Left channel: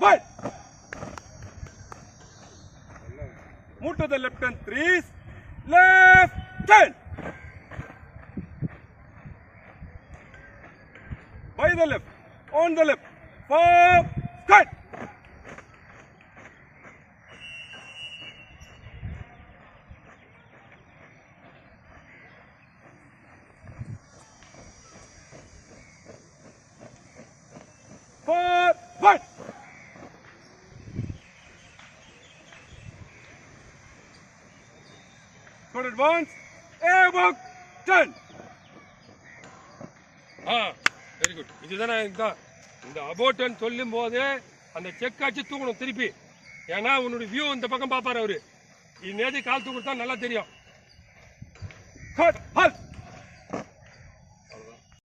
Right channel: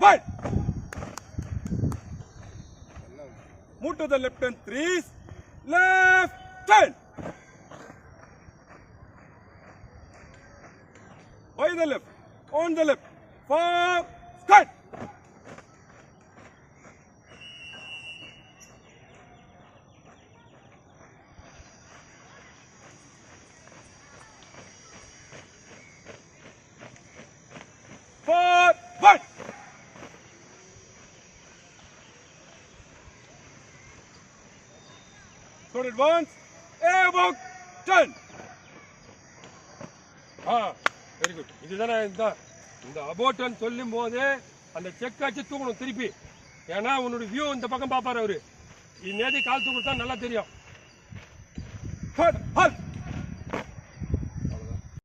1. Move to the left and 3. Left 10. By the left, on the left, 4, cut. Forward. Good advance. Above 10. Very good. இதுதானே இந்த அபோட்டன் சொல்லும் போது அந்த செக் அடிச்சு தூக்கணும் திருப்பி. ஏன்னா உன்னுடைய வியூ இந்த பக்கம் பார்ப்பாரு அவரு. இது நேரடி கால் தூக்குறது தான் நல்லா தெரியும்.